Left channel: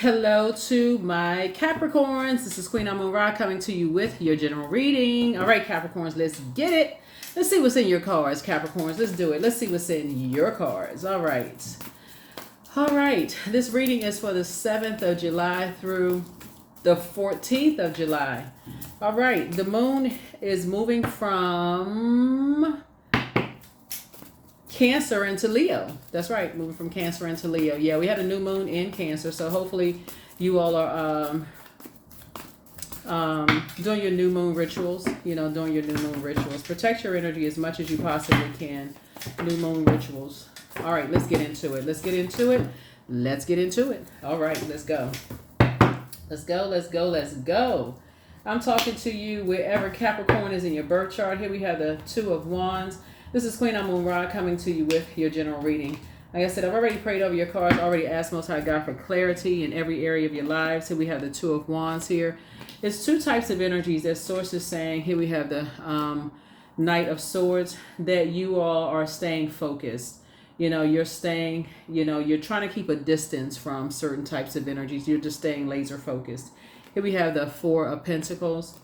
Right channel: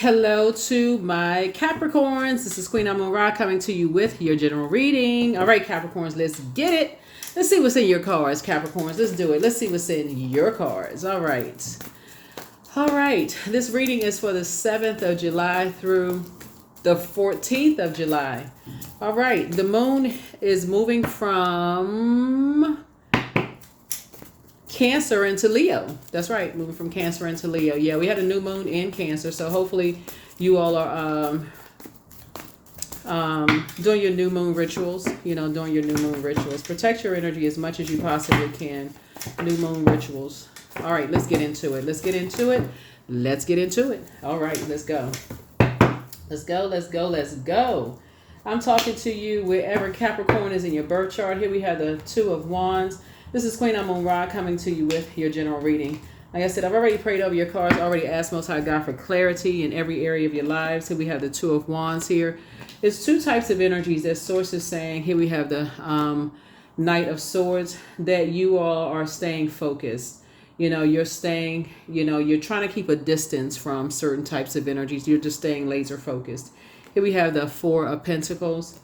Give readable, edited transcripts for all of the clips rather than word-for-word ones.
Hello to my Capricorns. This is Queen Amun Ra coming to you with your general reading. All right, Capricorns, let's get it. Let's see what's in your cards, Capricorns. Let's do it. Let's see what's in your cards. All right. All right. This reading is for the 7th of July through the 14th of July. All right. The moon is moving from Cancer into Leo. That's right, moving from Cancer into Leo. Yeah, we had a new moon in Cancer, so hopefully you all are doing your new moon rituals. Doing your new moon rituals. Protect your energy as much as you possibly can. New moon rituals. All right, let's get into it. Let's get into it. Let's get into it. All right, let's go. Let's go. Let's go. Let's go. I'm talking to you wherever Capricorn is in your birth chart. Here we have the Two of Wands. This is Queen Amun Ra coming to you with your general reading. Like I said, I've already prayed over your cards, already asked Most High God for clarity in every area of your lives. Here we have the Two of Wands here. There's two types of energies that Source is saying. Here we have the Knight of Swords, that you all are staying focused. You're staying, you're trying to keep a distance from certain types of energies. You're just staying laser focused. Here we have the Four of Pentacles.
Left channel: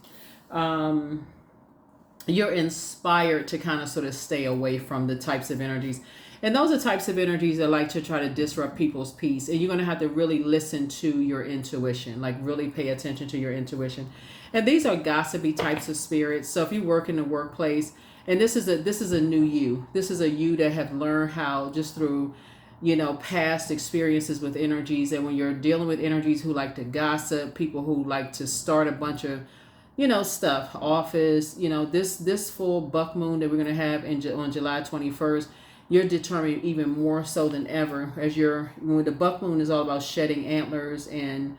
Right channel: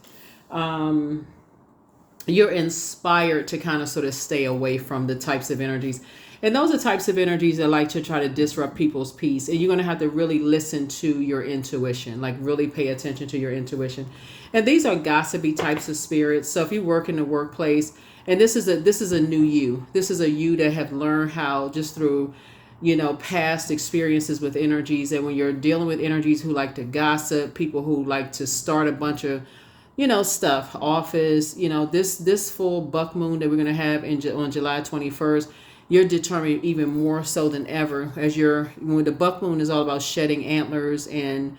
You're inspired to kind of sort of stay away from the types of energies. And those are types of energies that like to try to disrupt people's peace. And you're going to have to really listen to your intuition, like really pay attention to your intuition. And these are gossipy types of spirits. So if you work in the workplace, and this is a new you. This is a you that have learned how just through, past experiences with energies. And when you're dealing with energies who like to gossip, people who like to start a bunch of stuff, office, this full buck moon that we're going to have on July 21st, you're determined even more so than ever when the buck moon is all about shedding antlers and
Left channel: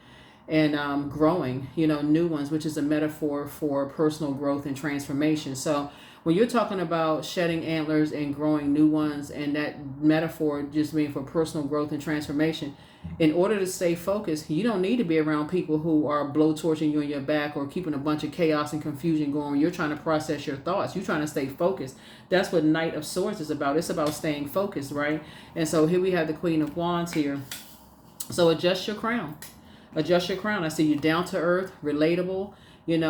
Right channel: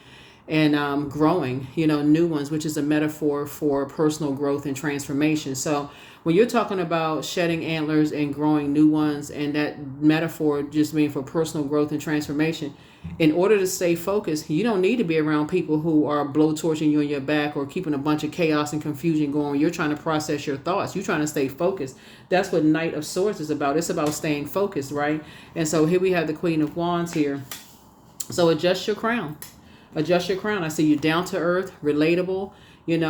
growing, new ones, which is a metaphor for personal growth and transformation. So when you're talking about shedding antlers and growing new ones, and that metaphor just being for personal growth and transformation, in order to stay focused, you don't need to be around people who are blowtorching you in your back or keeping a bunch of chaos and confusion going. You're trying to process your thoughts. You're trying to stay focused. That's what Knight of Swords is about. It's about staying focused, right? And so here we have the Queen of Wands here. So adjust your crown. Adjust your crown. I see you down to earth, relatable. Your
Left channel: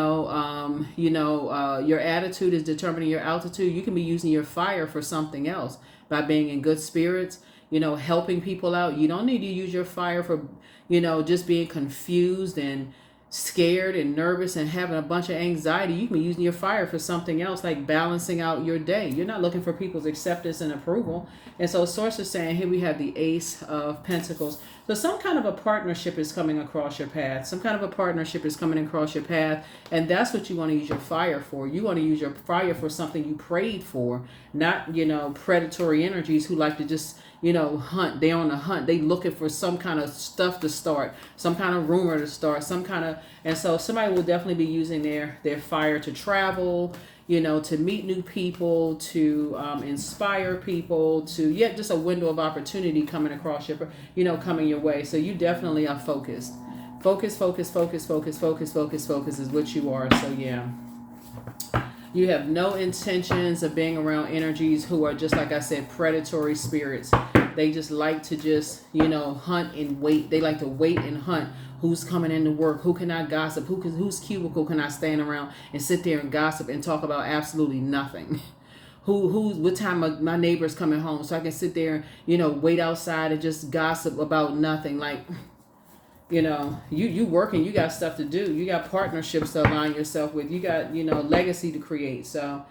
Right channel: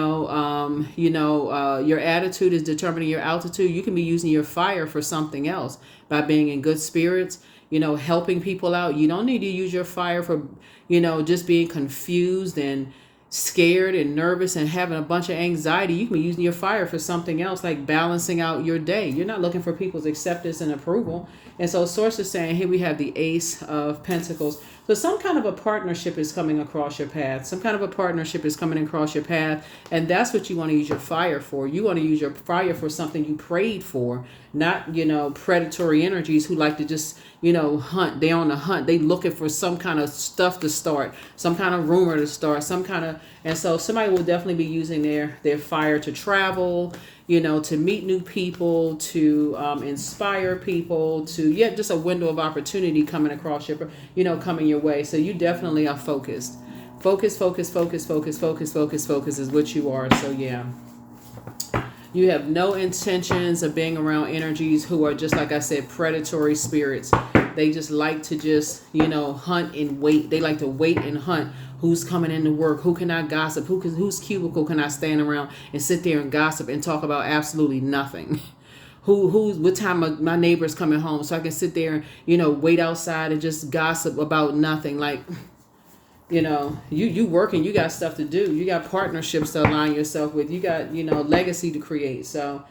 attitude is determining your altitude. You can be using your fire for something else by being in good spirits, helping people out. You don't need to use your fire for, just being confused and scared and nervous and having a bunch of anxiety. You can be using your fire for something else, like balancing out your day. You're not looking for people's acceptance and approval. And so Source is saying, here we have the Ace of Pentacles. So some kind of a partnership is coming across your path. Some kind of a partnership is coming across your path. And that's what you want to use your fire for. You want to use your fire for something you prayed for, not, predatory energies who like to just, hunt. They're on the hunt. They looking for some kind of stuff to start, some kind of rumor to start, and so somebody will definitely be using their fire to travel, to meet new people, to inspire people, just a window of opportunity coming across coming your way. So you definitely are focused. Focus is what you are. So yeah. You have no intentions of being around energies who are just, like I said, predatory spirits. They just like to hunt and wait. They like to wait and hunt. Who's coming into work? Who can I gossip? Whose cubicle can I stand around and sit there and gossip and talk about absolutely nothing? What time my neighbor's coming home so I can sit there and, wait outside and just gossip about nothing. Like, you working, you got stuff to do. You got partnerships to align yourself with. You got, legacy to create. So,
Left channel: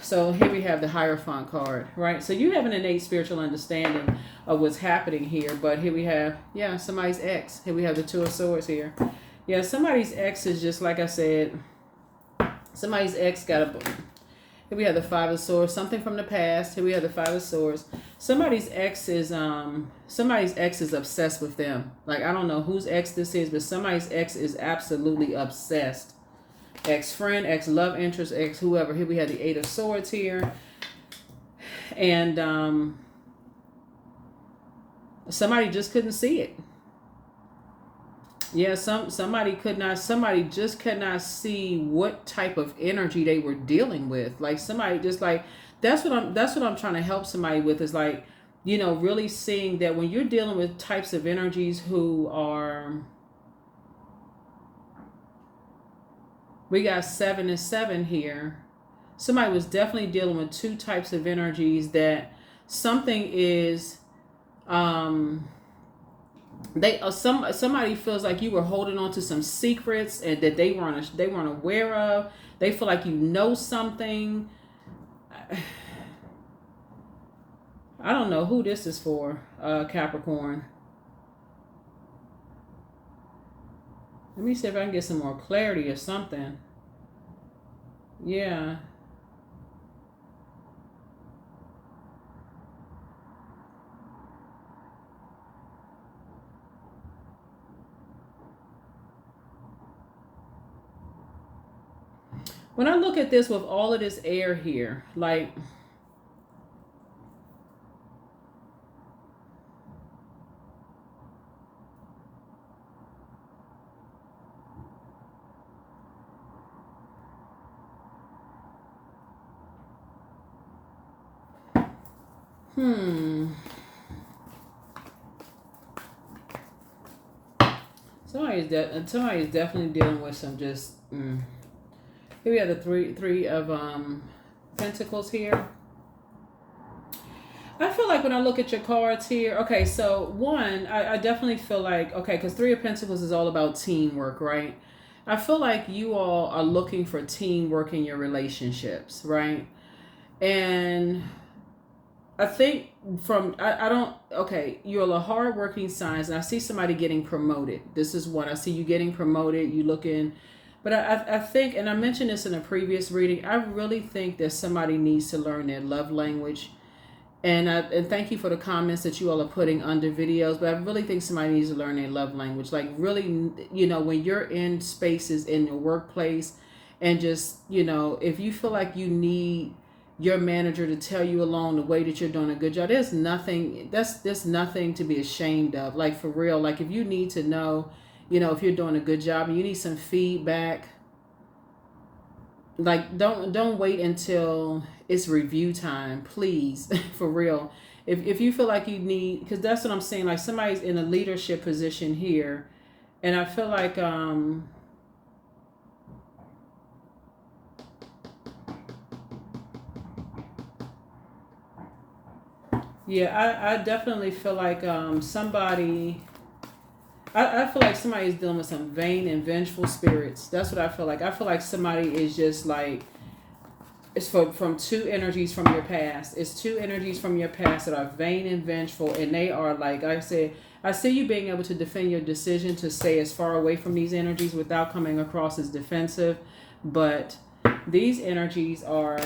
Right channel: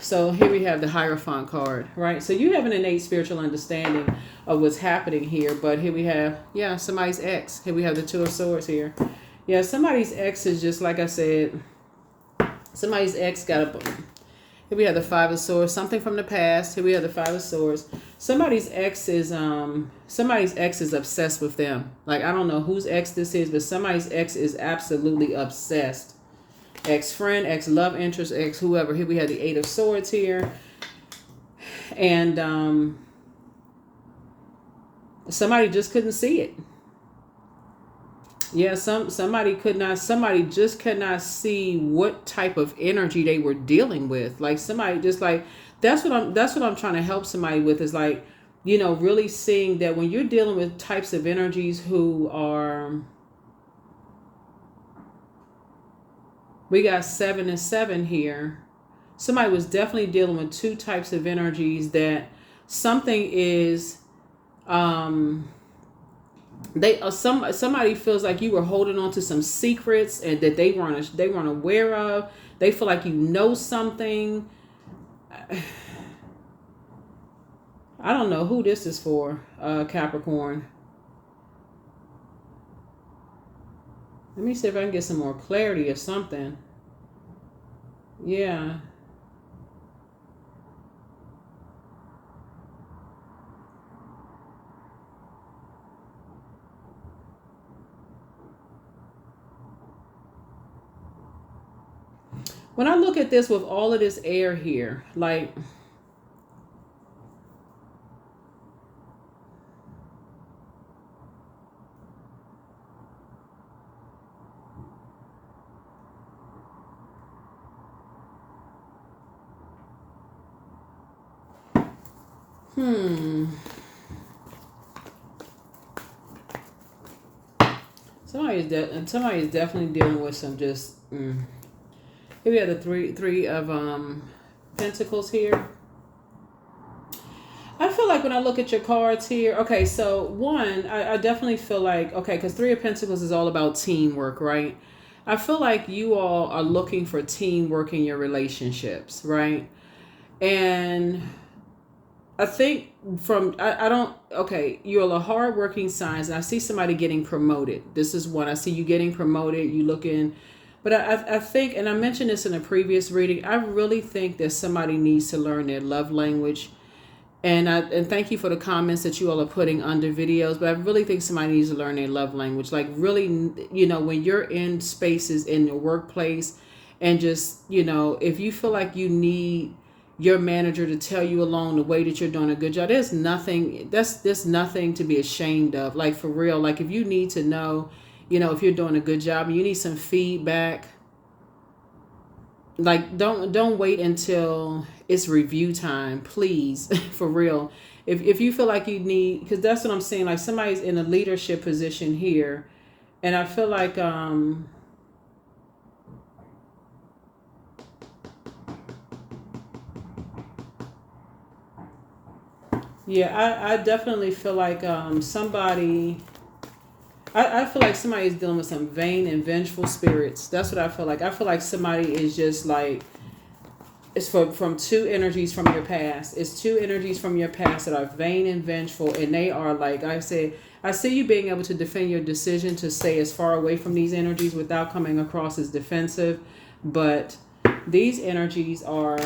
so here we have the Hierophant card, right? So you have an innate spiritual understanding of what's happening here. But here we have, somebody's ex. Here we have the Two of Swords here. Yeah, somebody's ex is just, like I said, somebody's ex got here we have the Five of Swords, something from the past. Here we have the Five of Swords. Somebody's ex is obsessed with them. Like, I don't know whose ex this is, but somebody's ex is absolutely obsessed. Ex-friend, ex-love interest, ex-whoever. Here we have the Eight of Swords here. And somebody just couldn't see it. Yeah, somebody just could not see what type of energy they were dealing with. Like somebody just like that's what I'm trying to help somebody with is like really seeing that when you're dealing with types of energies who are, we got 7 and 7 here. Somebody was definitely dealing with two types of energies that something is, somebody feels like you were holding on to some secrets and that they weren't aware of. They feel like something. I don't know who this is for, Capricorn. Let me see if I can get some more clarity or something. Yeah. When I look at this with all of this air here, like, somebody's definitely dealing with some just. Here we have the three of Pentacles here. I feel like when I look at your cards here, okay, so one, I definitely feel like, okay, because Three of Pentacles is all about teamwork, right? I feel like you all are looking for teamwork in your relationships, right? And I think you're a hardworking signs, and I see somebody getting promoted. This is one. I see you getting promoted, you looking. But I think, and I mentioned this in a previous reading, I really think that somebody needs to learn their love language. And thank you for the comments that you all are putting under videos. But I really think somebody needs to learn their love language. Like really, when you're in spaces in your workplace and just, if you feel like you need your manager to tell you along the way that you're doing a good job, there's nothing to be ashamed of. Like for real, like if you need to know, if you're doing a good job and you need some feedback, like don't wait until it's review time, please. For real. If you feel like you need, because that's what I'm saying, like somebody's in a leadership position here, and I feel like I definitely feel like somebody, I feel like somebody is dealing with some vain and vengeful spirits. That's what I feel like. I feel like somebody is just like, it's from two energies from your past. It's two energies from your past that are vain and vengeful, and they are like I said, I see you being able to defend your decision to stay as far away from these energies without coming across as defensive. But these energies are,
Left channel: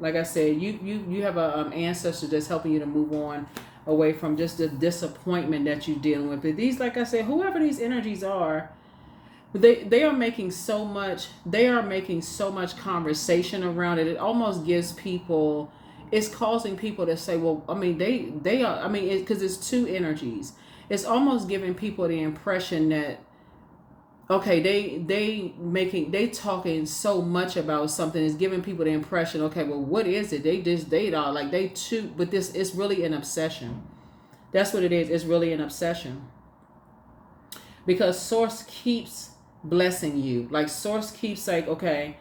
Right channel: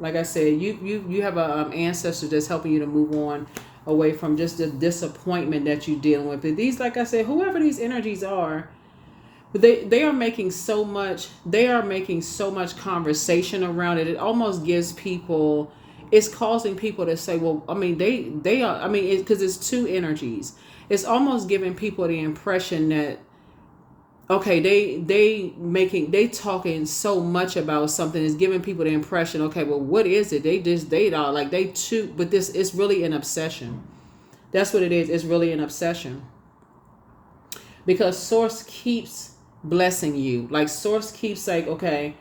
like I said, you have a ancestor that's helping you to move on away from just the disappointment that you're dealing with. But these, like I said, whoever these energies are, they are making so much conversation around it. It almost gives people, it's causing people to say, well, I mean, they are, I mean, because it's two energies. It's almost giving people the impression that, okay, they talking so much about something, is giving people the impression, okay, well, what is it? They are like they too, but this is really an obsession. That's what it is. It's really an obsession. Because Source keeps blessing you. Like Source keeps like, okay,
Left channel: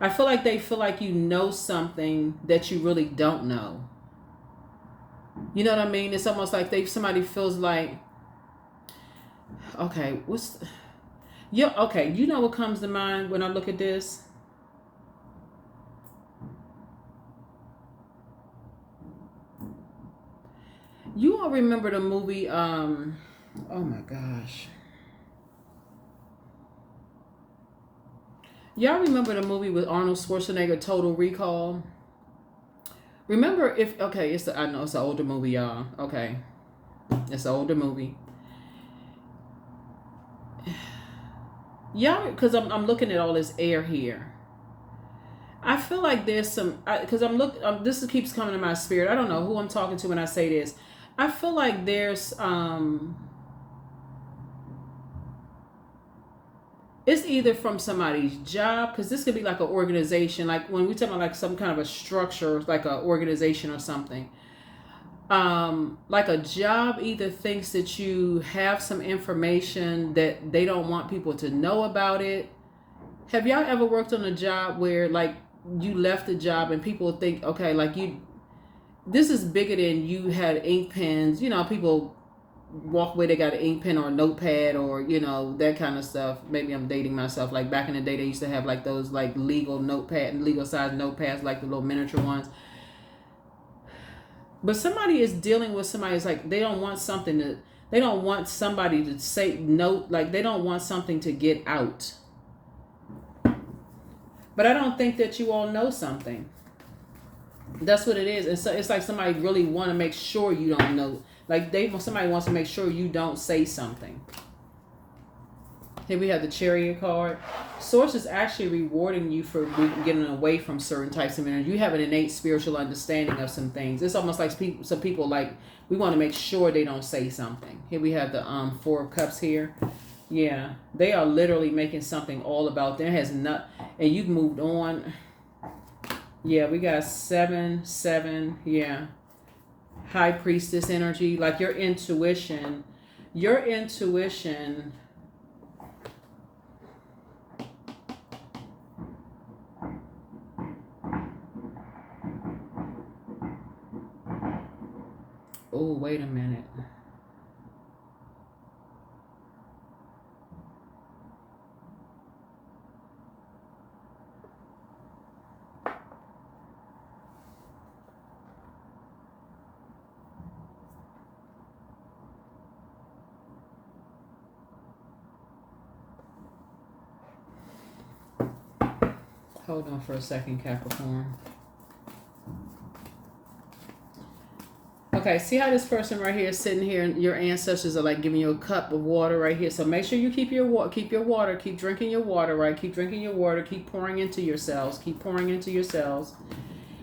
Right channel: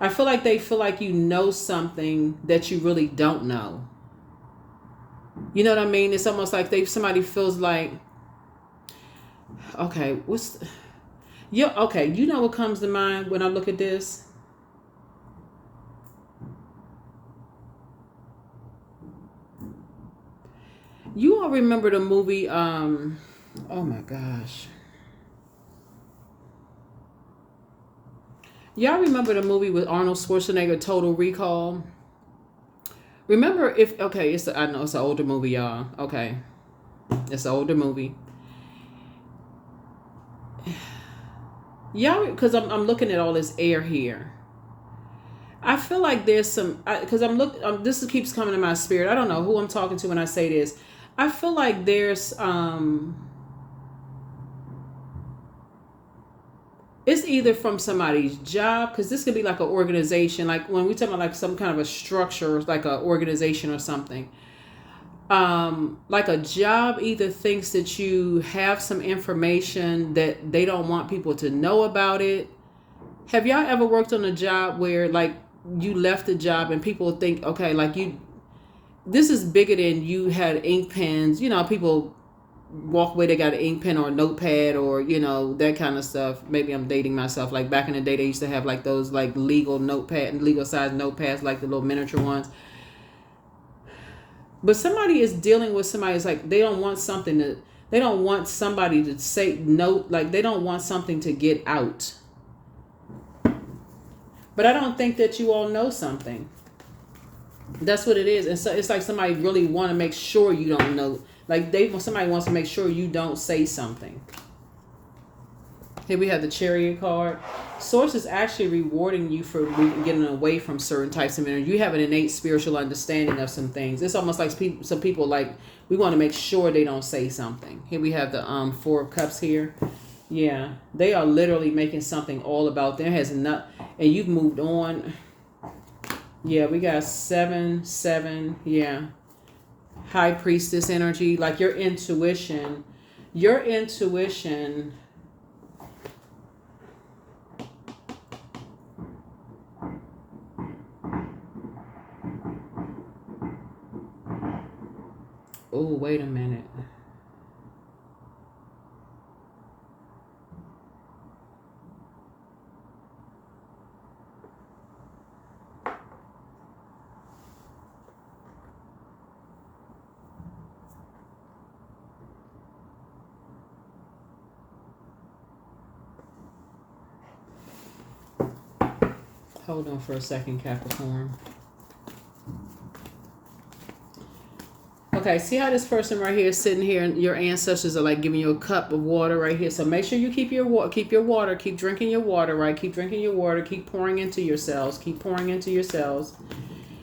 I feel like they feel like you know something that you really don't know. You know what I mean? It's almost like somebody feels like, okay, okay, you know what comes to mind when I look at this? You all remember the movie, oh my gosh. Y'all remember the movie with Arnold Schwarzenegger, Total Recall? Remember I know it's an older movie, y'all. Okay. It's an older movie. Y'all, because I'm looking at all this air here. I feel like there's some, because this keeps coming to my spirit. I don't know who I'm talking to when I say this. I feel like there's It's either from somebody's job, because this could be like an organization, like when we talk about like some kind of a structure, like an organization or something. Like a job either thinks that you have some information that they don't want people to know about it. Have y'all ever worked on a job where like you left the job and people think, okay, like you, this is bigger than you had ink pens, people walk away, they got an ink pen or a notepad or that kind of stuff. Maybe I'm dating myself. Like back in the day they used to have like those like legal size notepads, like the little miniature ones. But somebody is dealing with somebody's like they don't want somebody to say no, like they don't want something to get out. But I don't think that you all know something. That's what it is. And so it's like somebody really want to make sure you don't know. Like somebody wants to make sure you don't say something. Here we have the Chariot card. Source is actually rewarding you for getting away from certain types of energy. You have an innate spiritual understanding of some things. It's almost like some people like we want to make sure they don't say something. Here we have the Four of Cups here. Yeah, they are literally making something all about them. It has not, and you've moved on. Yeah, we got 7, 7. Yeah, High Priestess energy, like your intuition. Oh, wait a minute. Hold on for a second, Capricorn. Okay, see how this person right here is sitting here and your ancestors are like giving you a cup of water right here. So make sure you keep your water, keep drinking your water, right? Keep drinking your water, keep pouring into yourselves,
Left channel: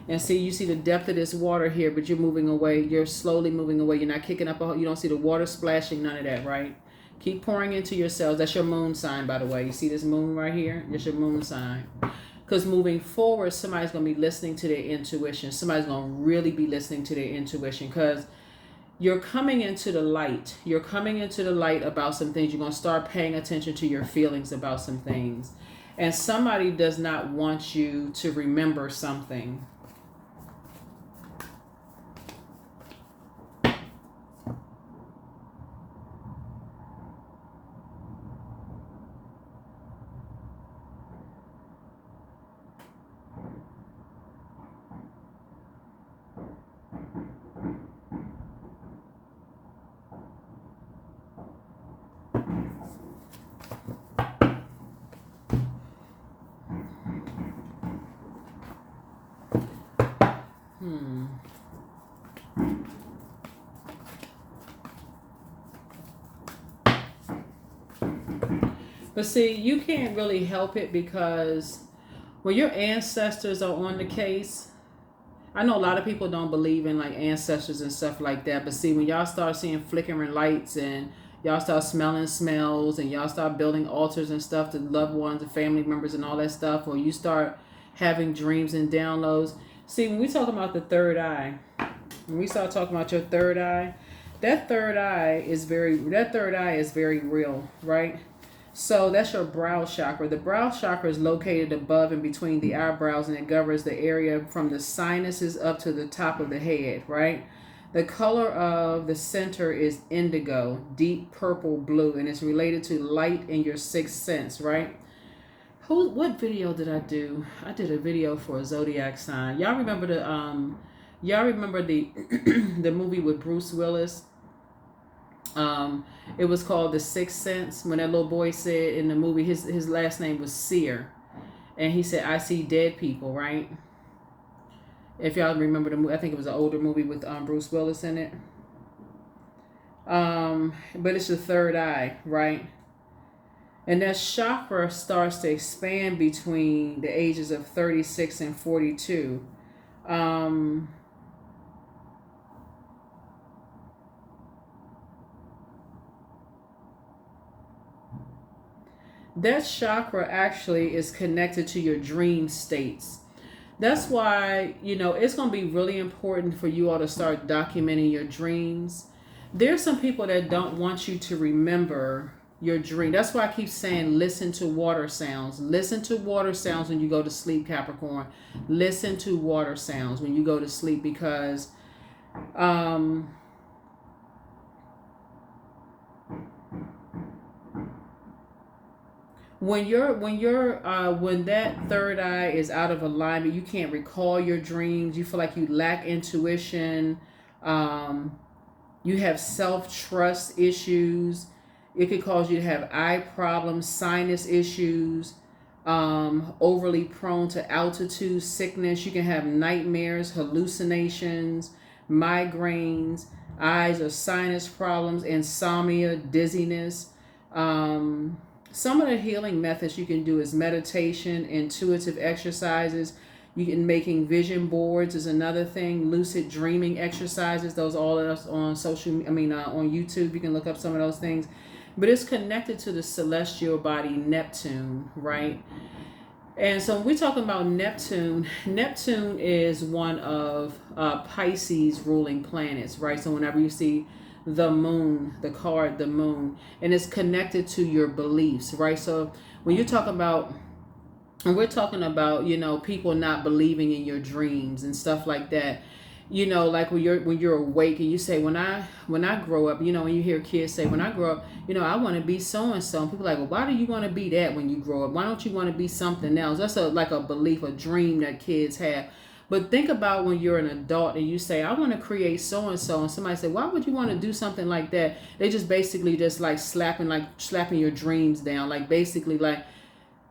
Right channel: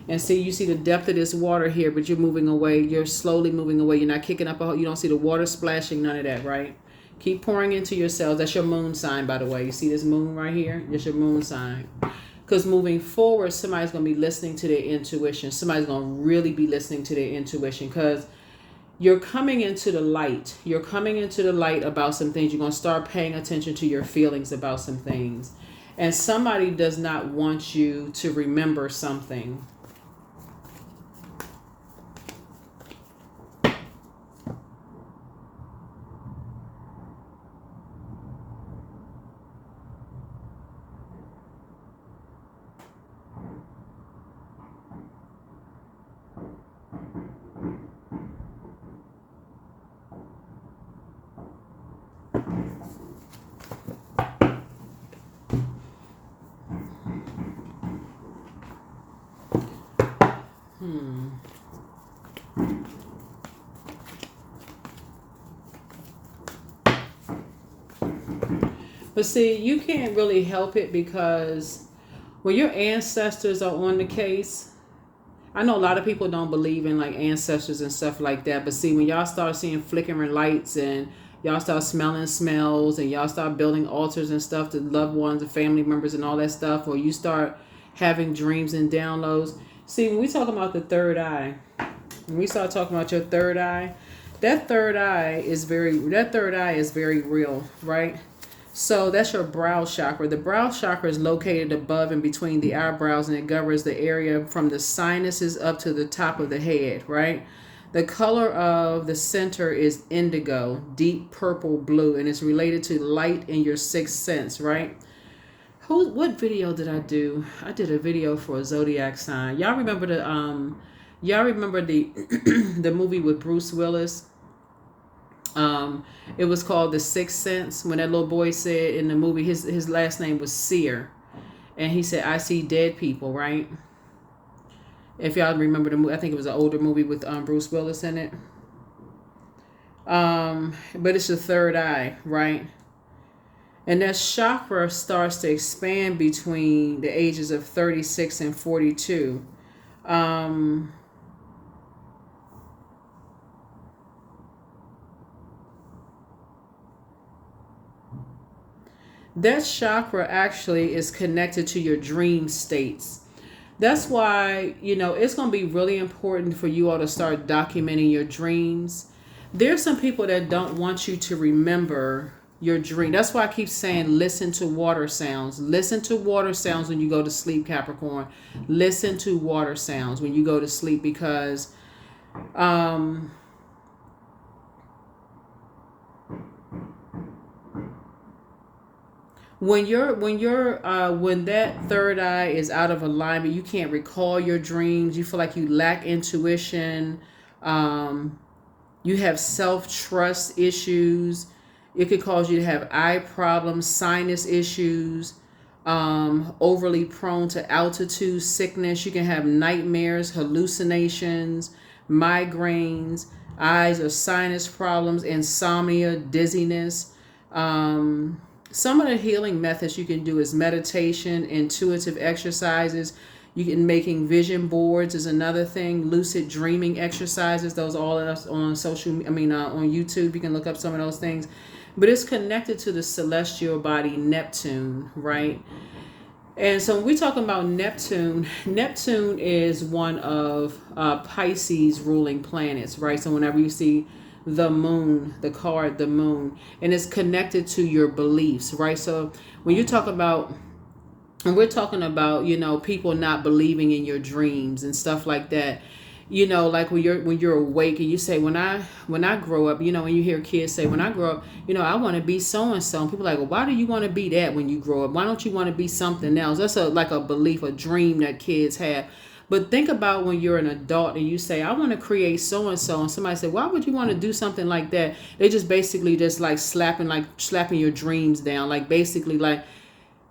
And see, you see the depth of this water here, but you're moving away. You're slowly moving away. You're not kicking up you don't see the water splashing, none of that, right? Keep pouring into yourselves. That's your moon sign, by the way. You see this moon right here? That's your moon sign. Because moving forward, somebody's going to be listening to their intuition. Somebody's going to really be listening to their intuition because you're coming into the light. You're coming into the light about some things. You're going to start paying attention to your feelings about some things. And somebody does not want you to remember something. But see, you can't really help it because when your ancestors are on the case, I know a lot of people don't believe in like ancestors and stuff like that. But see, when y'all start seeing flickering lights and y'all start smelling smells and y'all start building altars and stuff to loved ones and family members and all that stuff, or you start having dreams and downloads. See, when we talk about the third eye, when we start talking about your third eye, that third eye is very real, right? So that's your brow chakra. The brow chakra is located above and between the eyebrows, and it governs the area from the sinuses up to the top of the head, right? The color of the center is indigo, deep purple blue, and it's related to light in your sixth sense, right? What video did I do? I did a video for a Zodiac sign. Y'all remember the the movie with Bruce Willis? It was called The Sixth Sense. When that little boy said in the movie, his last name was Seer, and he said, "I see dead people." Right? If y'all remember the movie, I think it was an older movie with Bruce Willis in it. But it's the third eye, right? And that chakra starts to expand between the ages of 36 and 42. that chakra actually is connected to your dream states. That's why, it's going to be really important for you all to start documenting your dreams. There's some people that don't want you to remember your dream. That's why I keep saying listen to water sounds. Listen to water sounds when you go to sleep, Capricorn. Listen to water sounds when you go to sleep, because when that third eye is out of alignment, you can't recall your dreams. You feel like you lack intuition. You have self-trust issues. It could cause you to have eye problems, sinus issues, overly prone to altitude sickness. You can have nightmares, hallucinations, migraines, eyes or sinus problems, insomnia, dizziness. Some of the healing methods you can do is meditation, intuitive exercises. You can making vision boards is another thing. Lucid dreaming exercises. Those all on on YouTube. You can look up some of those things. But it's connected to the celestial body Neptune, right? And so when we're talking about Neptune, Neptune is one of Pisces ruling planets, right? So whenever you see the moon, the card, the moon, and it's connected to your beliefs, right? So when you talk about, and we're talking about, people not believing in your dreams and stuff like that. Like when you're awake and you say, when I grow up, when you hear kids say, when I grow up, I want to be so and so. And people are like, well, why do you want to be that when you grow up? Why don't you want to be something else? That's like a belief, a dream that kids have. But think about when you're an adult and you say, I want to create so and so, and somebody say, why would you want to do something like that? They just basically just like slapping your dreams down, like basically like.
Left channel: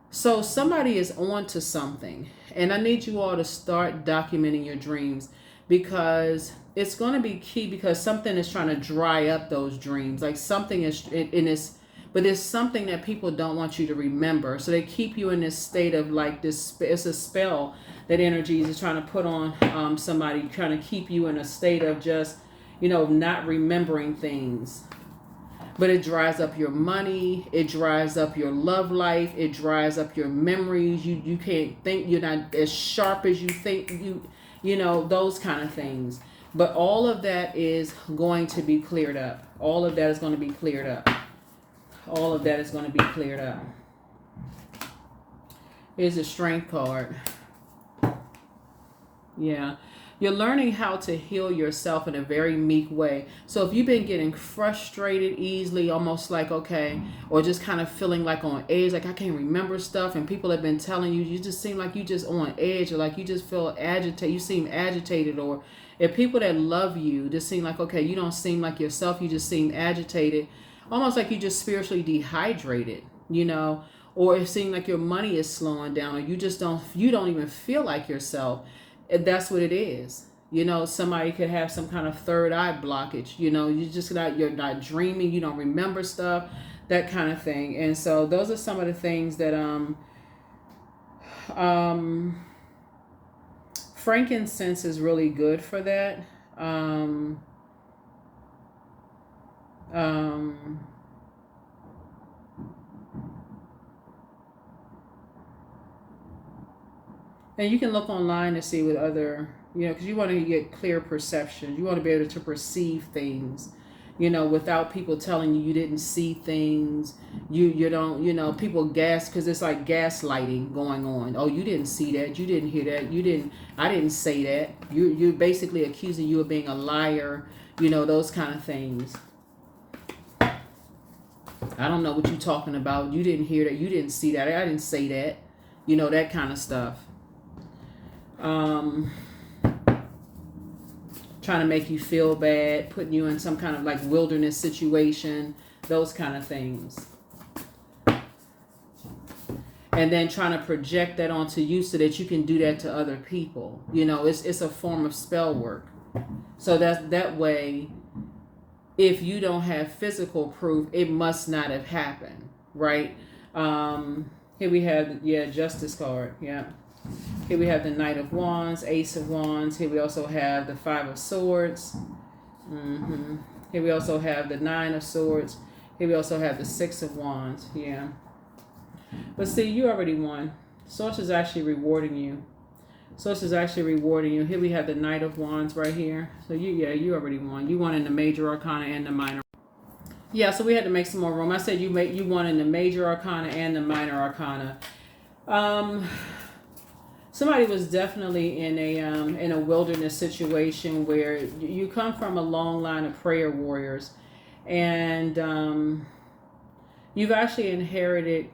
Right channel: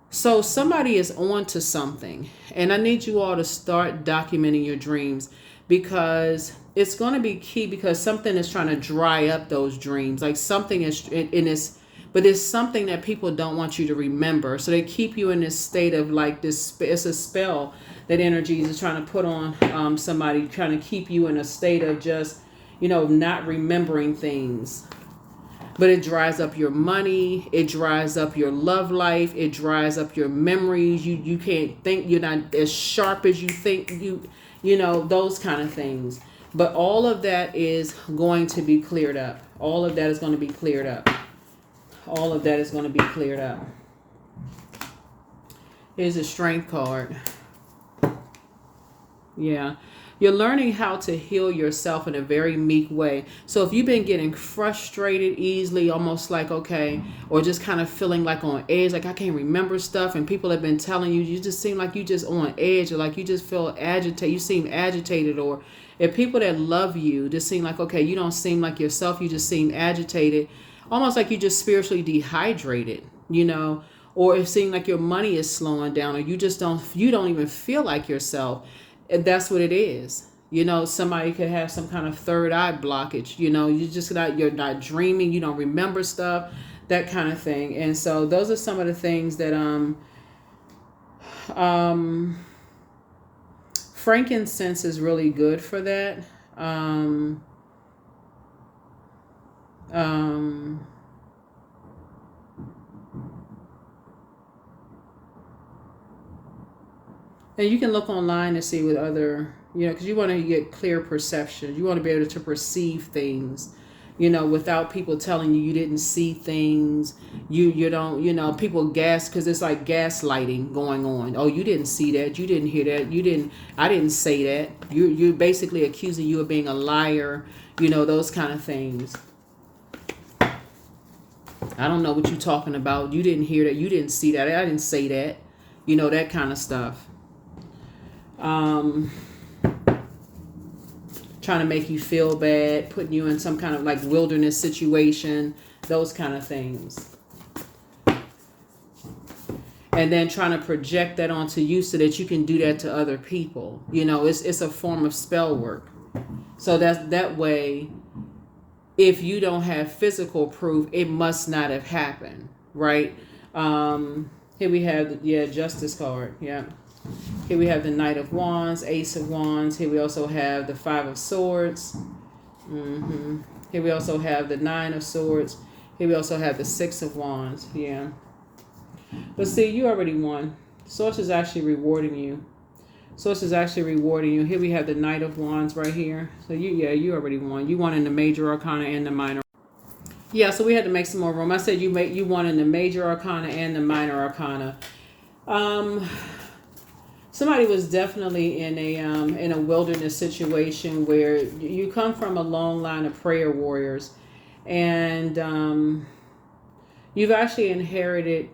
So somebody is on to something, and I need you all to start documenting your dreams, because it's going to be key, because something is trying to dry up those dreams. Like something is in this, but it's something that people don't want you to remember. So they keep you in this state of like this. It's a spell that energies is trying to put on somebody, trying to keep you in a state of just, not remembering things. But it dries up your money. It dries up your love life. It dries up your memories. You can't think. You're not as sharp as you think. Those kind of things. But all of that is going to be cleared up. All of that is going to be cleared up. All of that is going to be cleared up. Here's a strength card. Yeah. You're learning how to heal yourself in a very meek way. So if you've been getting frustrated easily, almost like, okay, or just kind of feeling like on edge, like I can't remember stuff, and people have been telling you, you just seem like you just on edge, or like you just feel agitated, you seem agitated, or if people that love you just seem like, okay, you don't seem like yourself, you just seem agitated, almost like you just spiritually dehydrated, or it seems like your money is slowing down, or you don't even feel like yourself. That's what it is. Somebody could have some kind of third eye blockage. You're not dreaming. You don't remember stuff, that kind of thing. And so those are some of the things that frankincense is really good for that. And you can look online to see with other, because you want to get clear perception. You want to be able to perceive things, without people telling you didn't see things. You don't, people because it's like gaslighting going on. Oh, you didn't see that. You didn't hear that. I didn't say that. You're basically accusing you of being a liar, those kind of things. I don't know what you're talking about. You didn't hear that. You didn't see that. I didn't say that. That kind of stuff. Trying to make you feel bad, putting you in some kind of like wilderness situation, those kind of things. And then trying to project that onto you so that you can do that to other people. It's a form of spell work. So that way, if you don't have physical proof, it must not have happened, right? Here we have Justice card, yeah. Here we have the Knight of Wands, Ace of Wands. Here we also have the Five of Swords. Here we also have the Nine of Swords. Here we also have the Six of Wands. Yeah. But see, you already won. Source is actually rewarding you. Source is actually rewarding you. Here we have the Knight of Wands right here. So you already won. You won in the major arcana and the minor. Yeah, so we had to make some more room. I said you won in the major arcana and the minor arcana. Somebody was definitely in a wilderness situation where you come from a long line of prayer warriors, and you've actually inherited.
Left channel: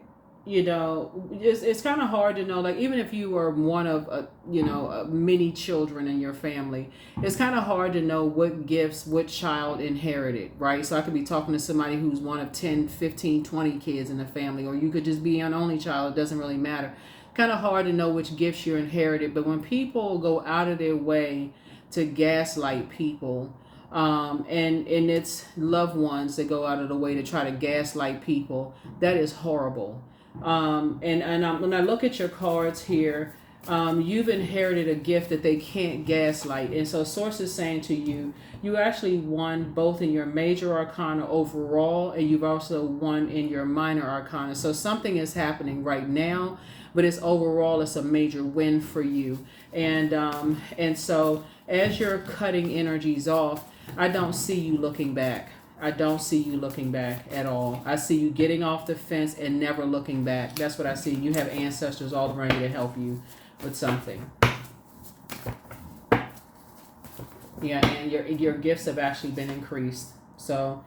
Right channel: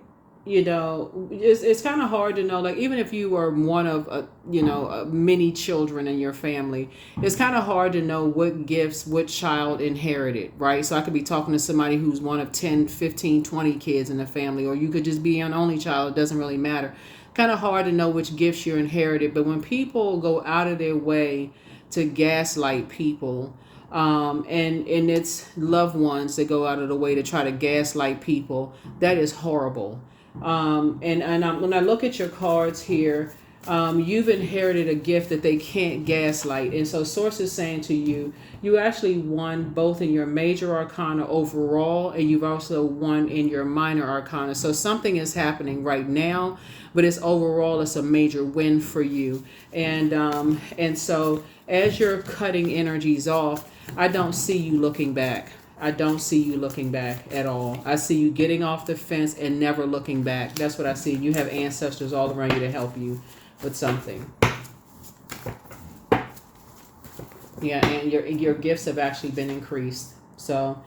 It's kind of hard to know. Like, even if you were one of many children in your family, it's kind of hard to know what gifts what child inherited, right? So I could be talking to somebody who's one of 10, 15, 20 kids in the family, or you could just be an only child. It doesn't really matter. Kind of hard to know which gifts you're inherited. But when people go out of their way to gaslight people, and it's loved ones that go out of the way to try to gaslight people, that is horrible. When I look at your cards here, you've inherited a gift that they can't gaslight. And so Source is saying to you, you actually won both in your major arcana overall, and you've also won in your minor arcana. So something is happening right now, but it's a major win for you. And so as you're cutting energies off, I don't see you looking back. I don't see you looking back at all. I see you getting off the fence and never looking back. That's what I see. You have ancestors all around you to help you with something. Yeah, and your gifts have actually been increased. So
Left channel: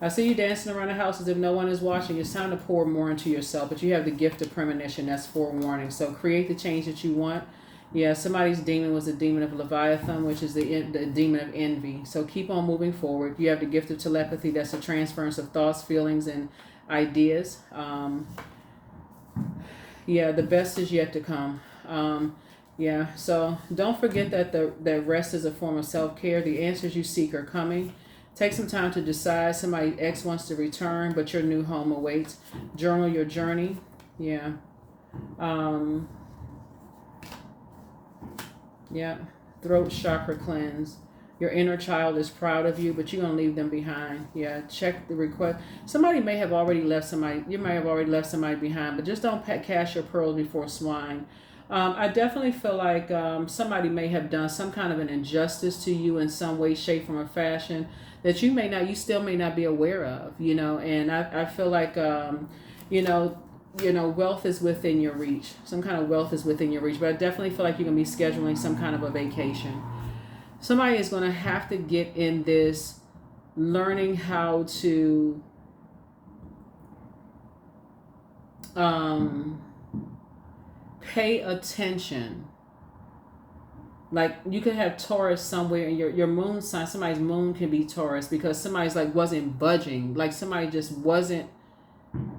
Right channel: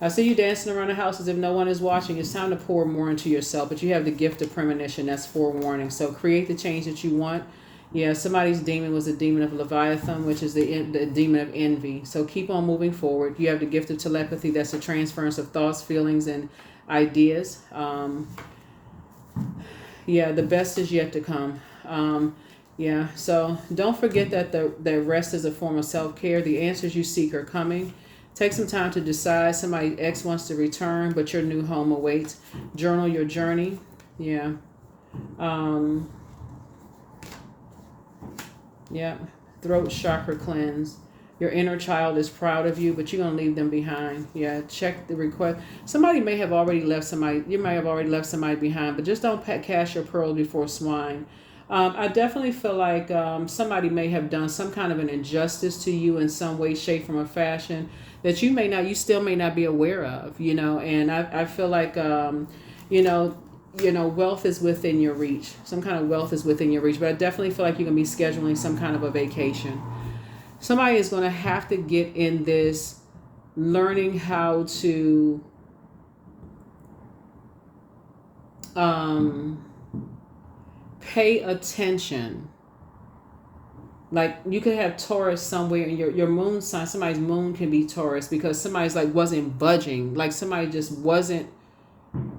I see you dancing around the house as if no one is watching. It's time to pour more into yourself, but you have the gift of premonition. That's forewarning. So create the change that you want. Yeah, somebody's demon was the demon of Leviathan, which is the demon of envy. So keep on moving forward. You have the gift of telepathy. That's a transference of thoughts, feelings, and ideas. The best is yet to come. So don't forget that the rest is a form of self-care. The answers you seek are coming. Take some time to decide. Somebody X wants to return, but your new home awaits. Journal your journey. Yeah. Throat chakra cleanse. Your inner child is proud of you, but you're going to leave them behind. Yeah, check the request. Somebody may have already left somebody. You may have already left somebody behind, but just don't cast your pearls before swine. I definitely feel like somebody may have done some kind of an injustice to you in some way, shape, form, or fashion that you still may not be aware of, and I feel like, wealth is within your reach. Some kind of wealth is within your reach, but I definitely feel like you're going to be scheduling some kind of a vacation. Somebody is going to have to get in this learning how to pay attention. Like, you could have Taurus somewhere in your moon sign. Somebody's moon can be Taurus because somebody's wasn't budging. Like, somebody just wasn't.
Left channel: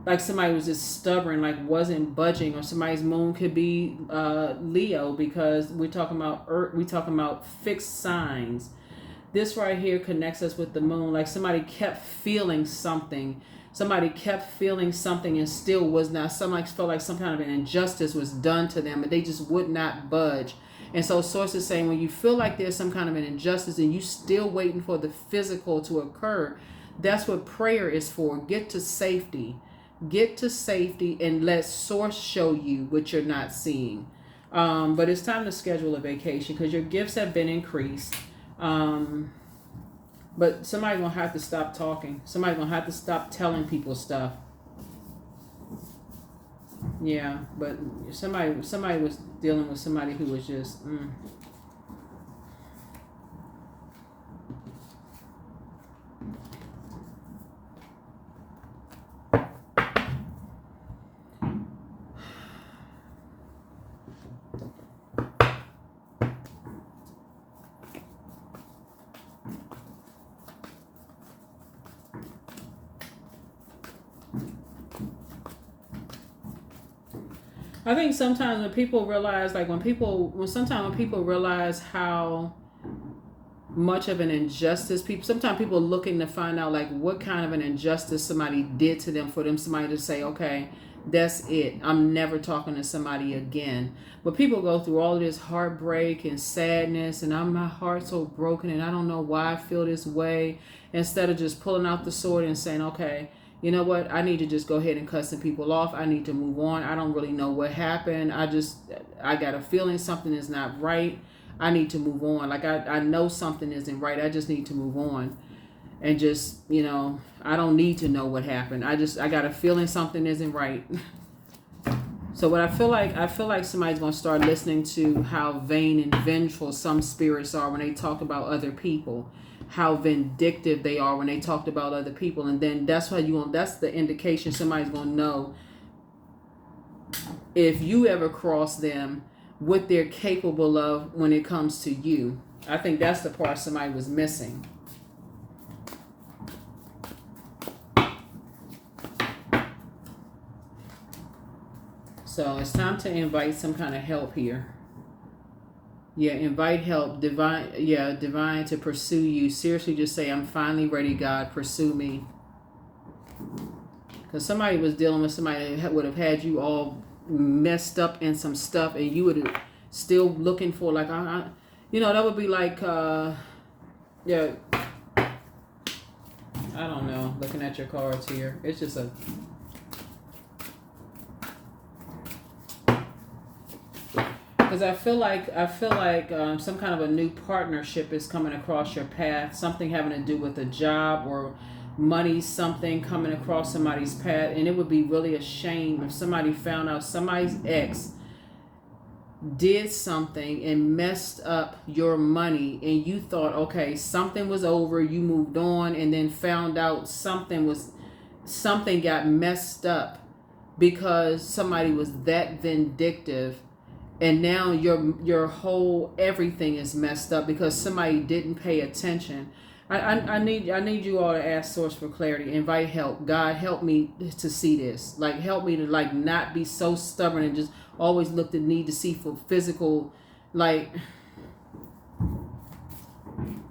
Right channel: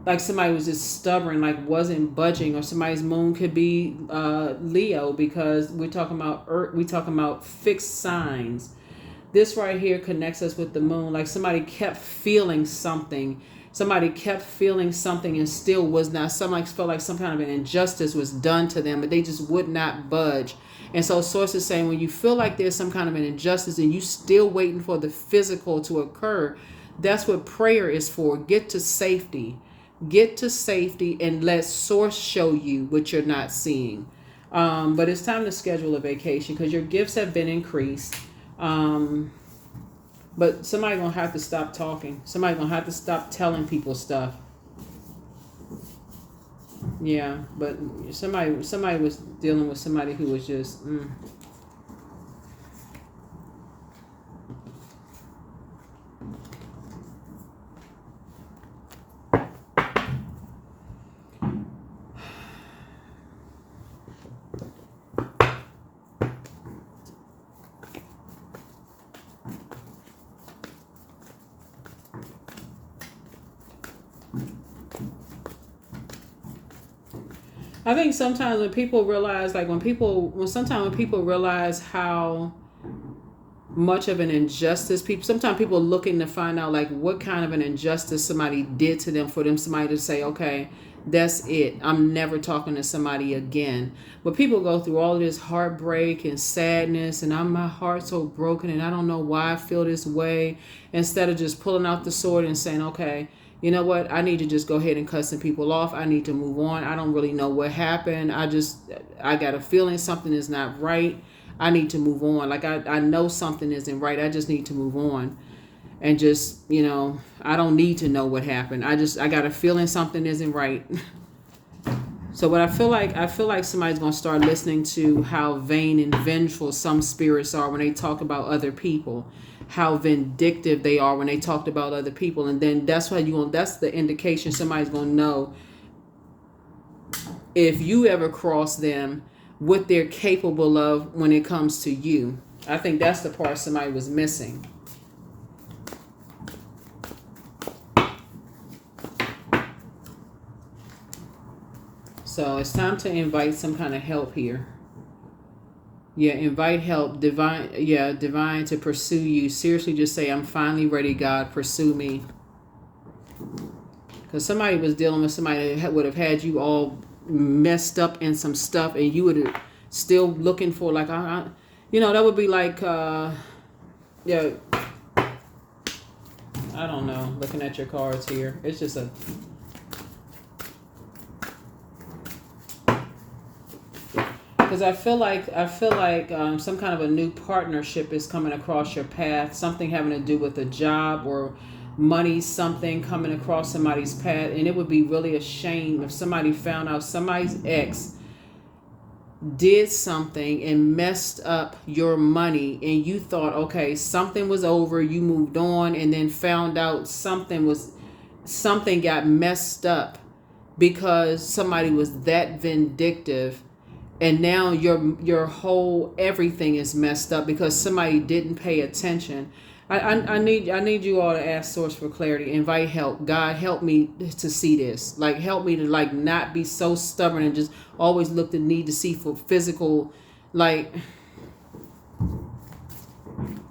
Like, somebody was just stubborn, wasn't budging. Or somebody's moon could be Leo, because we're talking about Earth, we're talking about fixed signs. This right here connects us with the moon. Like, somebody kept feeling something. And still was not. Somebody felt like some kind of an injustice was done to them, but they just would not budge. And so Source is saying, when you feel like there's some kind of an injustice and you still waiting for the physical to occur, that's what prayer is for. Get to safety and let Source show you what you're not seeing. But it's time to schedule a vacation because your gifts have been increased. But somebody's going to have to stop talking. Somebody's going to have to stop telling people stuff. Yeah, but somebody was dealing with somebody who was just... I think sometimes when people realize, when people realize how much of an injustice sometimes people looking to find out what kind of an injustice somebody did to them for them somebody to say, okay, that's it, I'm never talking to somebody again. But people go through all of this heartbreak and sadness, and my heart's so broken and I don't know why I feel this way, instead of just pulling out the sword and saying, okay, you know what, I need to just go ahead and cut some people off. I need to move on. I don't really know what happened. I got a feeling something is not right. I need to move on. Like I know something isn't right. I just need to move on. And just, I don't need to know what happened. I got a feeling something isn't right. So what I feel like somebody's going to start listening to how vain and vengeful some spirits are when they talk about other people, how vindictive they are when they talked about other people. And then that's the indication somebody's going to know if you ever cross them, what they're capable of when it comes to you. I think that's the part somebody was missing. So it's time to invite some kind of help here. Yeah, invite help, divine to pursue you. Seriously, just say, I'm finally ready, God, pursue me. Because somebody was dealing with somebody that would have had you all messed up in some stuff, and you would have still looking for, like, that would be like, I don't know, looking at your cards here. It's just because I feel like some kind of a new partnership is coming across your path. Something having to do with a job or money, something coming across somebody's path. And it would be really a shame if somebody found out somebody's ex did something and messed up your money, and you thought, okay, something was over, you moved on, and then found out something got messed up because somebody was that vindictive. And now your whole everything is messed up because somebody didn't pay attention. I need you all to ask Source for clarity. Invite help. God, help me to see this. Like, help me to not be so stubborn and just always look the need to see for physical. Like,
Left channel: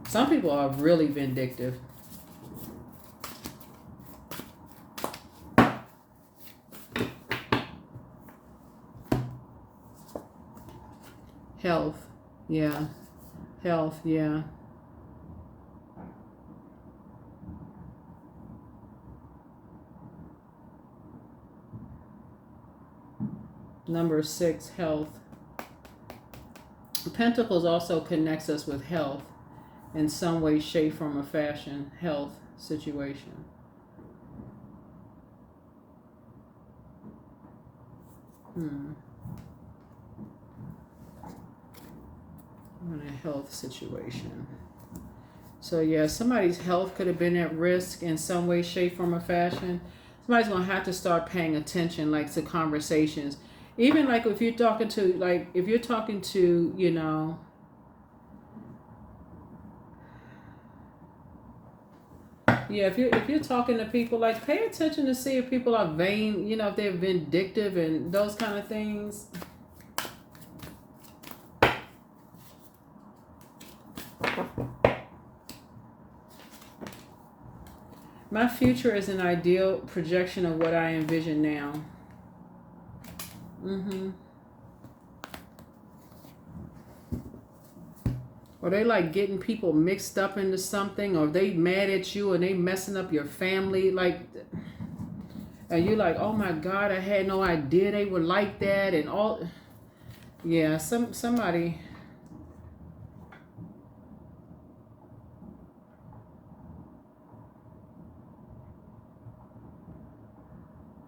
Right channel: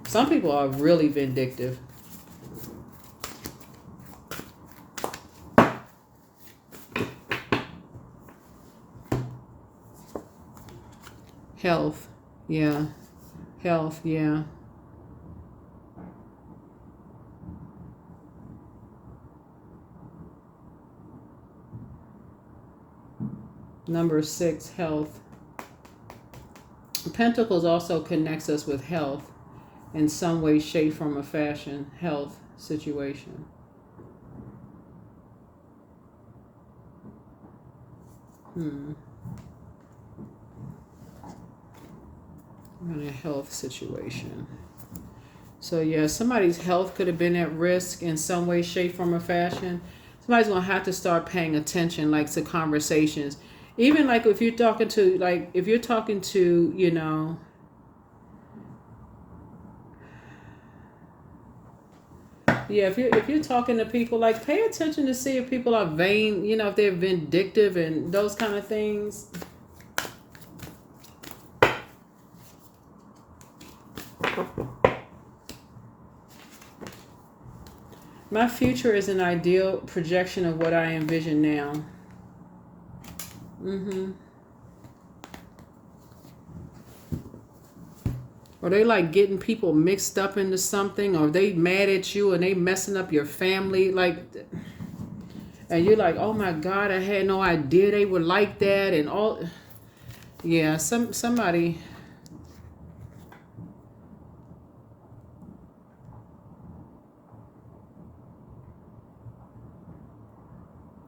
some people are really vindictive. Health, yeah. Health, yeah. Number 6, health. Pentacles also connects us with health in some way, shape, form, or fashion. Health situation. In a health situation. So yeah, somebody's health could have been at risk in some way, shape, form, or fashion. Somebody's gonna have to start paying attention, like, to conversations. Even like if you're talking to, yeah, if you're talking to people, like, pay attention to see if people are vain, if they're vindictive and those kind of things. My future is an ideal projection of what I envision now. Or they like getting people mixed up into something, or they mad at you and they messing up your family, like, and you're like, oh my God, I had no idea they were like that, and all. Yeah, somebody.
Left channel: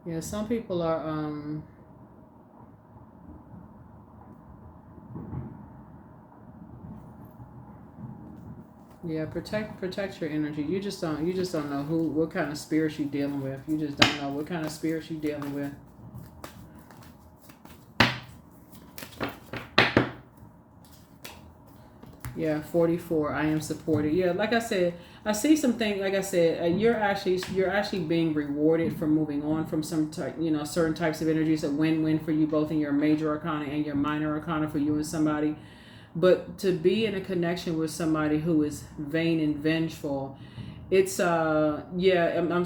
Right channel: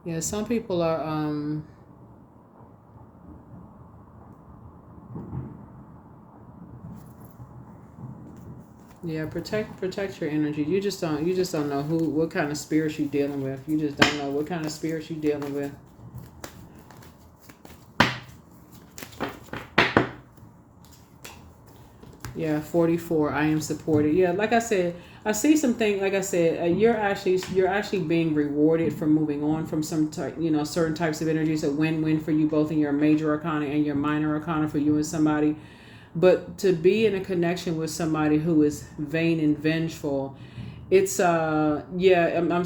Yeah, some people are yeah, protect your energy. You just don't know what kind of spirits you're dealing with. You just don't know what kind of spirits you're dealing with. Yeah, 44. I am supported. Yeah, like I said, I see something. Like I said, you're actually being rewarded for moving on from some certain types of energies. A win-win for you both in your major arcana and your minor arcana for you and somebody. But to be in a connection with somebody who is vain and vengeful, it's I'm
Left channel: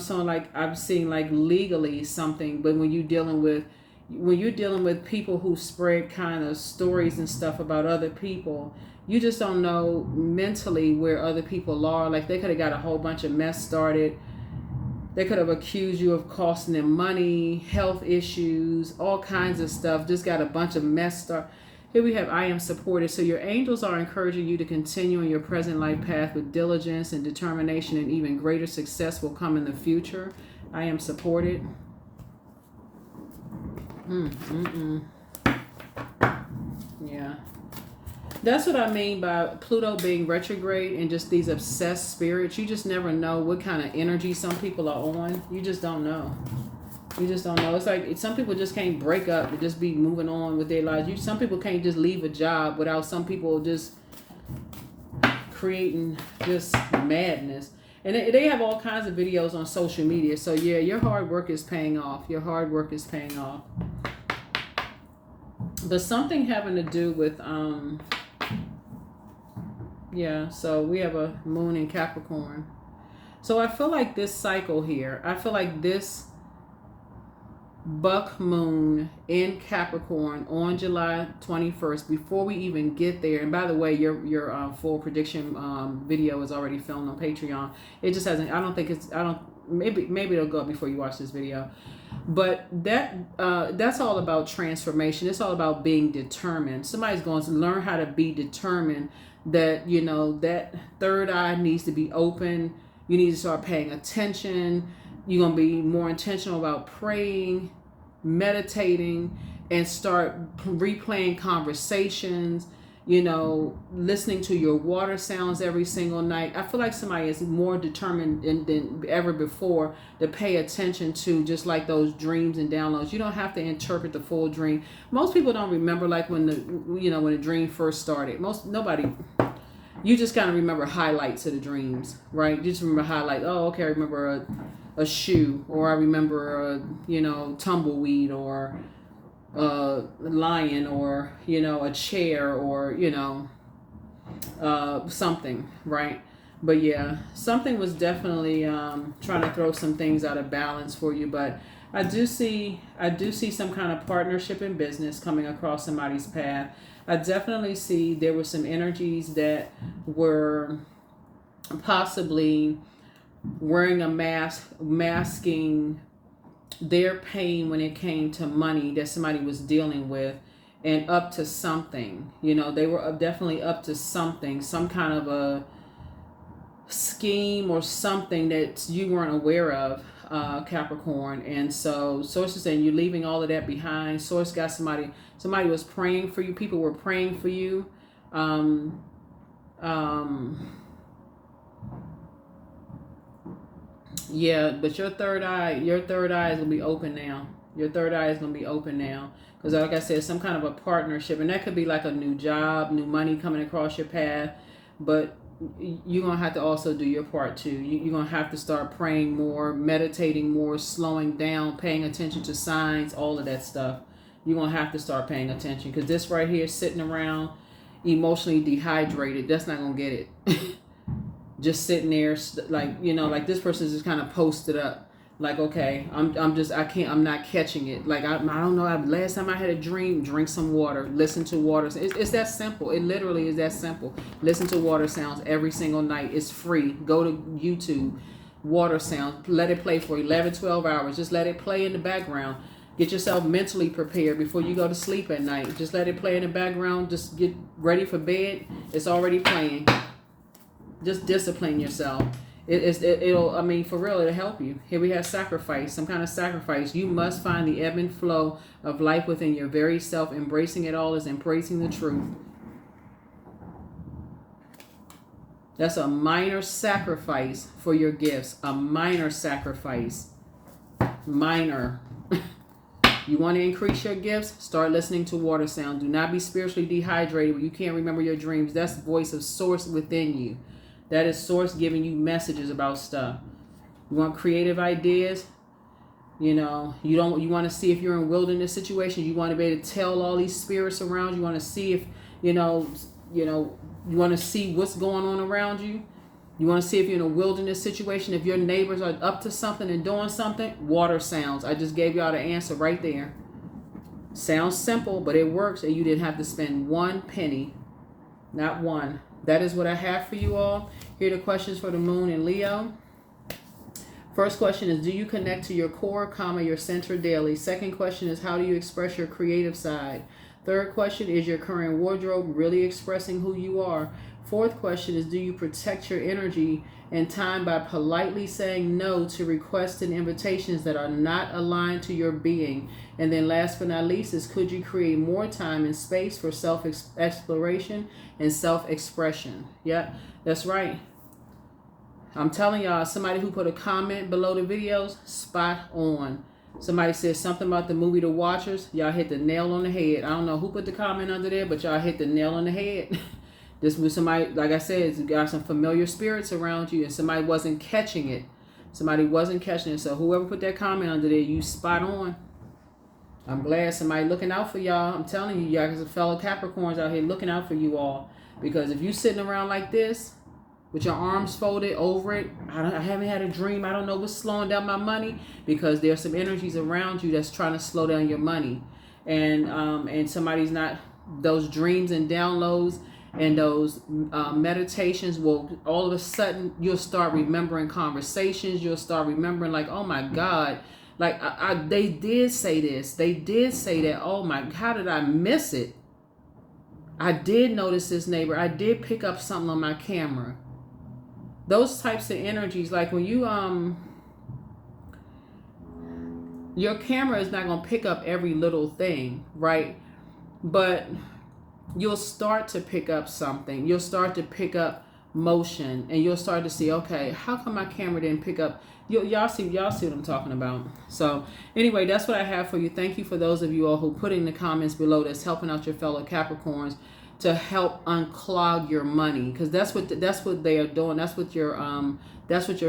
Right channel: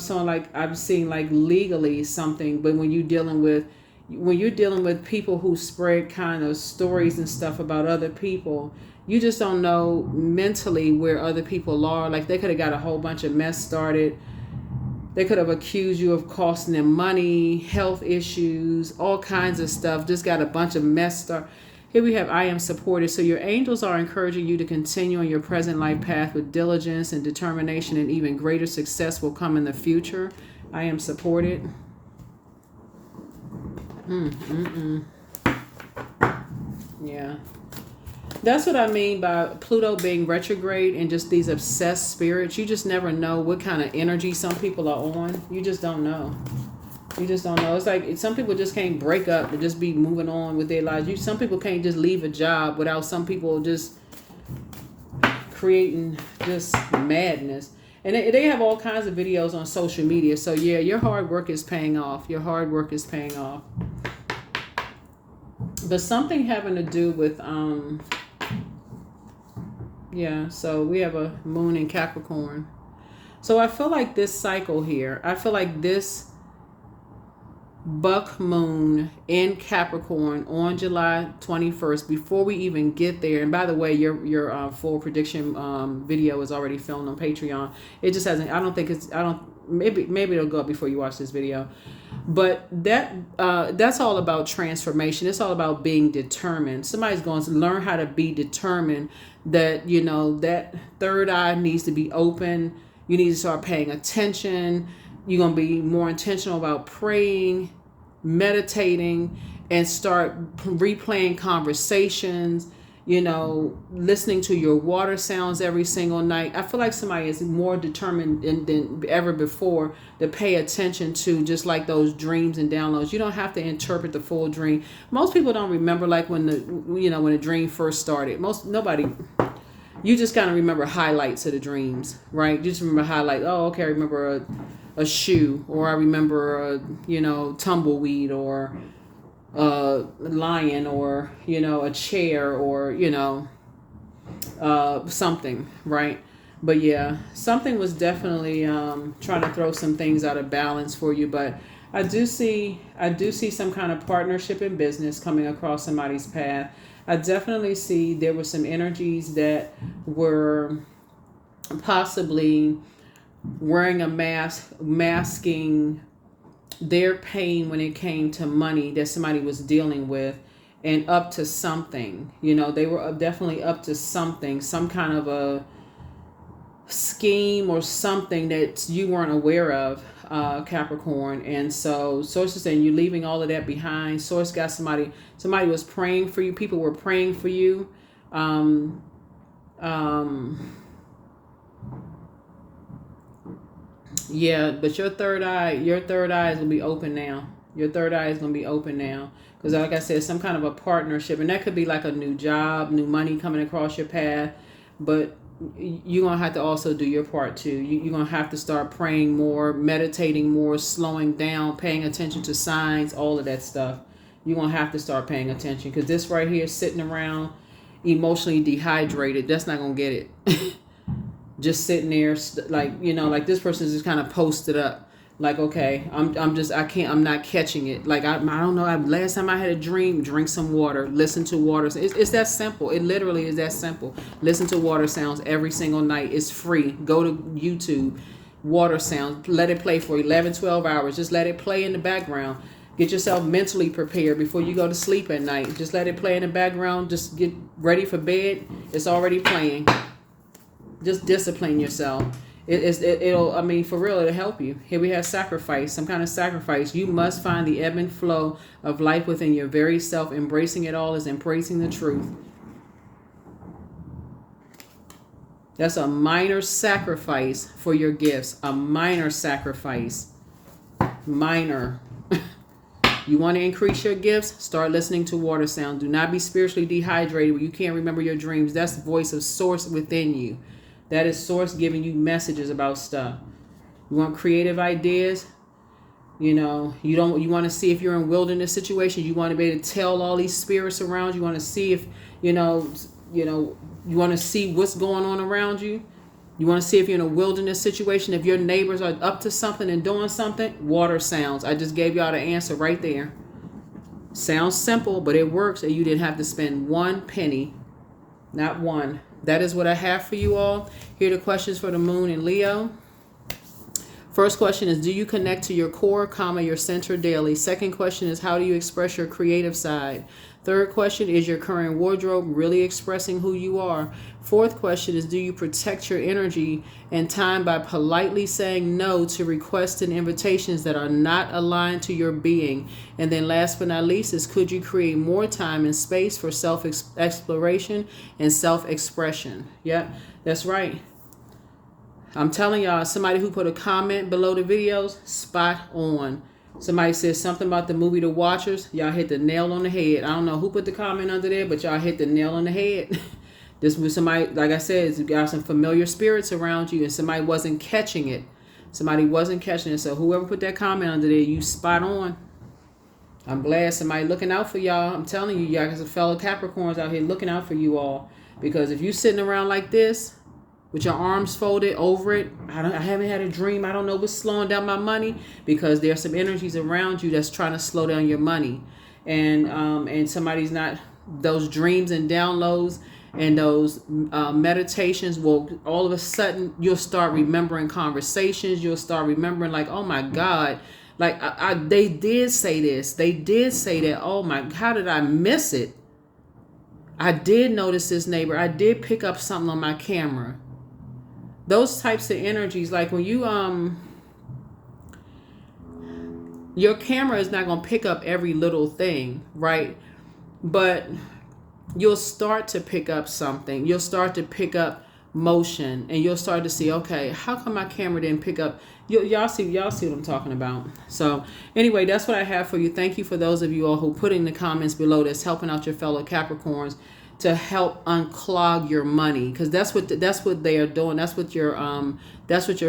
seeing like legally something. But when you're dealing with people who spread kind of stories and stuff about other people, you just don't know mentally where other people are. Like, they could have got a whole bunch of mess started. They could have accused you of costing them money, health issues, all kinds of stuff. Just got a bunch of messed up. Here we have, I am supported. So your angels are encouraging you to continue on your present life path with diligence and determination, and even greater success will come in the future. I am supported. Yeah. That's what I mean by Pluto being retrograde and just these obsessed spirits. You just never know what kind of energy some people are on. You just don't know. You just don't know. It's like some people just can't break up and just be moving on with their lives. Some people can't just leave a job without some people just creating this madness. And they have all kinds of videos on social media. So yeah, your hard work is paying off. Your hard work is paying off. But something having to do with yeah, so we have a moon in Capricorn. So I feel like this cycle here, I feel like this buck moon in Capricorn on July 21st, before we even get there. And by the way, your full prediction video is already filmed on Patreon. It just hasn't, I don't think it's, I don't, maybe it'll go up before you watch this video. But that's all about transformation. It's all about being determined. Somebody's going to learn how to be determined. That, you know, that third eye needs to be open. You need to start paying attention. You're going to be more intentional about praying, meditating, and start replaying conversations, you know, listening to your water sounds every single night. I feel like somebody is more determined than ever before to pay attention to just like those dreams and downloads. You don't have to interpret the full dream. Most people don't remember like when the dream first started. You just kind of remember highlights of the dreams, right? You just remember highlights. Oh, okay, I remember a shoe, or I remember a tumbleweed, or a lion, or a chair, or something, right? But yeah, something was definitely trying to throw some things out of balance for you. But I do see some kind of partnership in business coming across somebody's path. I definitely see there were some energies that were possibly wearing a mask, masking their pain when it came to money that somebody was dealing with, and up to something. They were definitely up to something, some kind of a scheme or something that you weren't aware of, Capricorn. And so Source is saying you're leaving all of that behind. Source got somebody was praying for you. People were praying for you. Yeah, but your third eye is gonna be open now. Your third eye is gonna be open now. Because like I said, some kind of a partnership, and that could be like a new job, new money coming across your path. But you're going to have to also do your part too. You're going to have to start praying more, meditating more, slowing down, paying attention to signs, all of that stuff. You're going to have to start paying attention, because this right here, sitting around emotionally dehydrated, that's not going to get it. Just sitting there like this person is just kind of posted up. Like, okay, I'm not catching it. Like, I don't know. Last time I had a dream, drink some water, listen to water. It's that simple. It literally is that simple. Listen to water sounds every single night. It's free. Go to YouTube, water sounds. Let it play for 11, 12 hours. Just let it play in the background. Get yourself mentally prepared before you go to sleep at night. Just let it play in the background. Just get ready for bed. It's already playing. Just discipline yourself. It'll for real, it'll help you. Here we have sacrifice, some kind of sacrifice. You must find the ebb and flow of life within your very self. Embracing it all is embracing the truth. That's a minor sacrifice for your gifts. A minor sacrifice. Minor. You want to increase your gifts? Start listening to water sound. Do not be spiritually dehydrated where you can't remember your dreams. That's the voice of Source within you. That is Source giving you messages about stuff. You want creative ideas? You want to see if you're in wilderness situations. You want to be able to tell all these spirits around you. You want to see if, you want to see what's going on around you. You want to see if you're in a wilderness situation, if your neighbors are up to something and doing something. Water sounds. I just gave y'all the answer right there. Sounds simple, but it works, and you didn't have to spend one penny. Not one. That is what I have for you all. Here are the questions for the moon in Leo. First question is, do you connect to your core, comma, your center daily? Second question is, how do you express your creative side? Third question, is your current wardrobe really expressing who you are? Fourth question is, do you protect your energy and time by politely saying no to requests and invitations that are not aligned to your being? And then last but not least is, could you create more time and space for self-exploration and self-expression? Yeah, that's right. I'm telling y'all, somebody who put a comment below the videos, spot on. Somebody says something about the movie The Watchers. Y'all hit the nail on the head. I don't know who put the comment under there, but y'all hit the nail on the head. This was somebody, like I said, you got some familiar spirits around you, and somebody wasn't catching it. Somebody wasn't catching it. So whoever put that comment under there, you spot on. I'm glad somebody looking out for y'all. I'm telling you, y'all got some fellow Capricorns out here looking out for you all. Because if you sitting around like this, with your arms folded over it, I haven't had a dream. I don't know what's slowing down my money, because there's some energies around you that's trying to slow down your money, and somebody's not. Those dreams and downloads and those meditations will all of a sudden you'll start remembering conversations. You'll start remembering like, oh my God, like they did say this, they did say that. Oh my, how did I miss it? I did notice this neighbor. I did pick up something on my camera. Those types of energies, like when you, your camera is not going to pick up every little thing, right? But you'll start to pick up something. You'll start to pick up motion, and you'll start to see, okay, how come my camera didn't pick up? Y'all see what I'm talking about. So anyway, that's what I have for you. Thank you for those of you all who put in the comments below that's helping out your fellow Capricorns to help unclog your money, because that's what they are doing. That's what your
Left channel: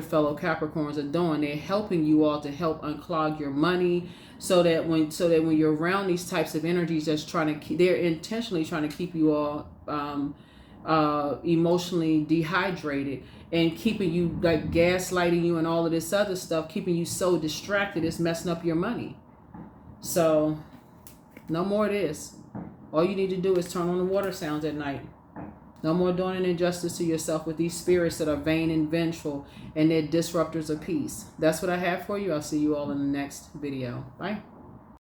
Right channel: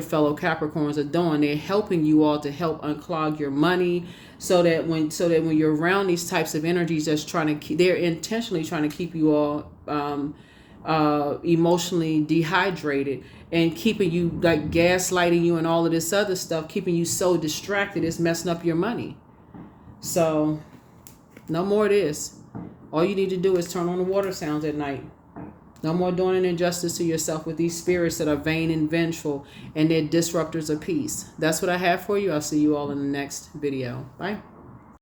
fellow Capricorns are doing. They're helping you all to help unclog your money, so that when you're around these types of energies that's trying to they're intentionally trying to keep you all emotionally dehydrated and keeping you, like gaslighting you and all of this other stuff, keeping you so distracted, it's messing up your money. So no more of this. All you need to do is turn on the water sounds at night. No more doing an injustice to yourself with these spirits that are vain and vengeful, and they're disruptors of peace. That's what I have for you. I'll see you all in the next video. Bye.